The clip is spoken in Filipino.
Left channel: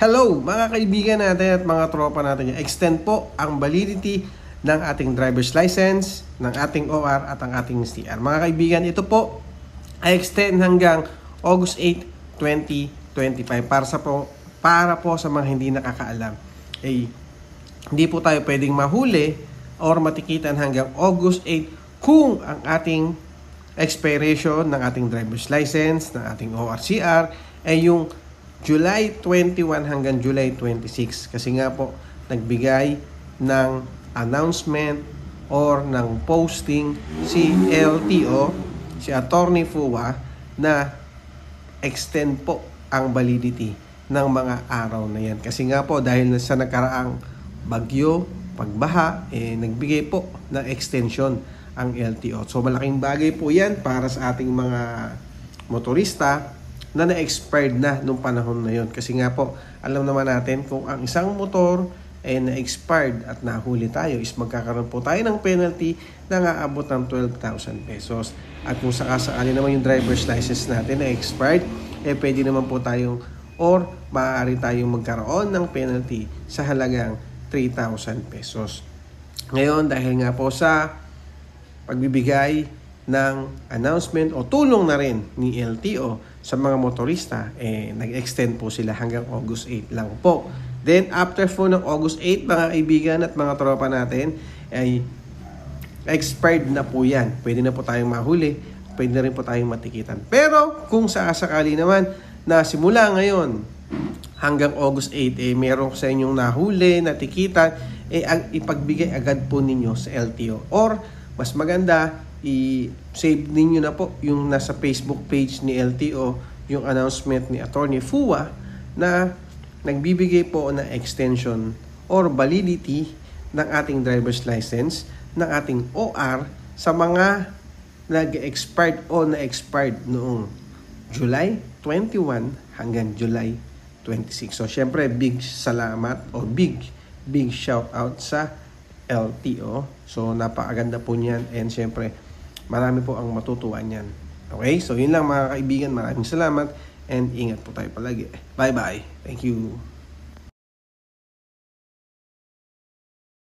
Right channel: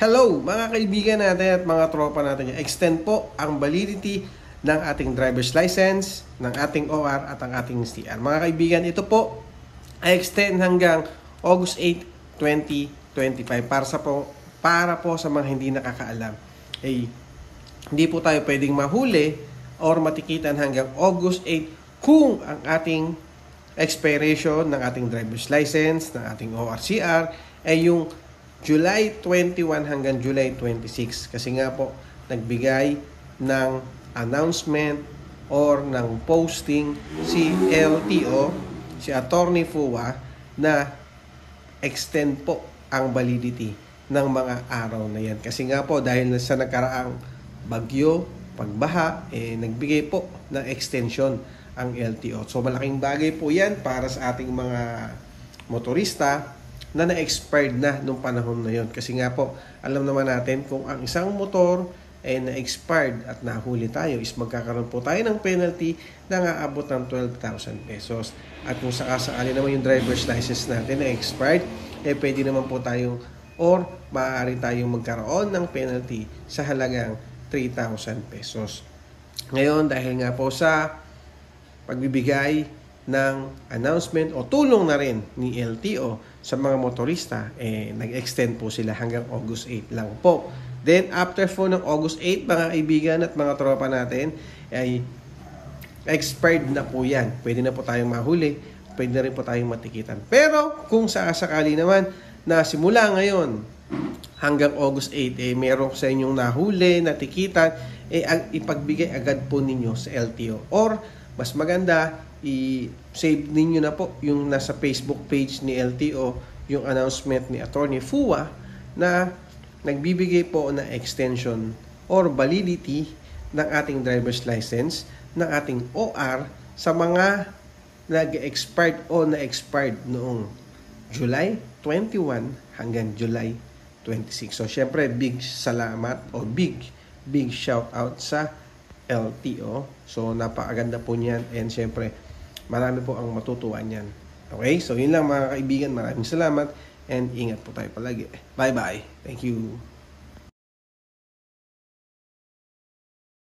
Hello mga kaibigan natin at mga tropa natin. Extend po ang validity ng ating driver's license, ng ating OR at ang ating CR. Mga kaibigan, ito po ay extend hanggang August 8, 2025 para po sa mga hindi nakakaalam. Hindi po tayo pwedeng mahuli or matikitan hanggang August 8 kung ang ating expiration ng ating driver's license, ng ating ORCR ay yung July 21 hanggang July 26. Kasi nga po, nagbigay ng announcement or ng posting si LTO, si Attorney Fua, na extend po ang validity ng mga araw na yan. Kasi nga po, dahil sa nagkaraang bagyo, pagbaha, nagbigay po ng extension ang LTO. So malaking bagay po yan para sa ating mga motorista na na-expired na nung panahon na yon. Kasi nga po, alam naman natin kung ang isang motor ay na-expired at nahuli tayo is magkakaroon po tayo ng penalty na aabot ng 12,000 pesos. At kung sakasakali naman yung driver's license natin na expired, pwede naman po tayong or maaari tayong magkaroon ng penalty sa halagang 3,000 pesos. Ngayon, dahil nga po sa pagbibigay ng announcement o tulong na rin ni LTO sa mga motorista, nag-extend po sila hanggang August 8 lang po. Then, after po ng August 8, mga kaibigan at mga tropa natin, ay expired na po yan. Pwede na po tayong mahuli, pwede na rin po tayong matikitan. Pero, kung sakasakali naman na simula ngayon hanggang August 8, meron sa inyong nahuli, natikitan, ipagbigay agad po ninyo sa LTO. Or, mas maganda, i-save ninyo na po yung nasa Facebook page ni LTO, yung announcement ni Attorney Fua na nagbibigay po ng extension or validity ng ating driver's license, ng ating OR sa mga nag-expired o na-expired noong July 21 hanggang July 26. So syempre big salamat o big shout out sa LTO. So napakaganda po niyan and syempre marami po ang matutuwa niyan. Okay? So yun lang mga kaibigan. Maraming salamat and ingat po tayo palagi. Bye-bye. Thank you.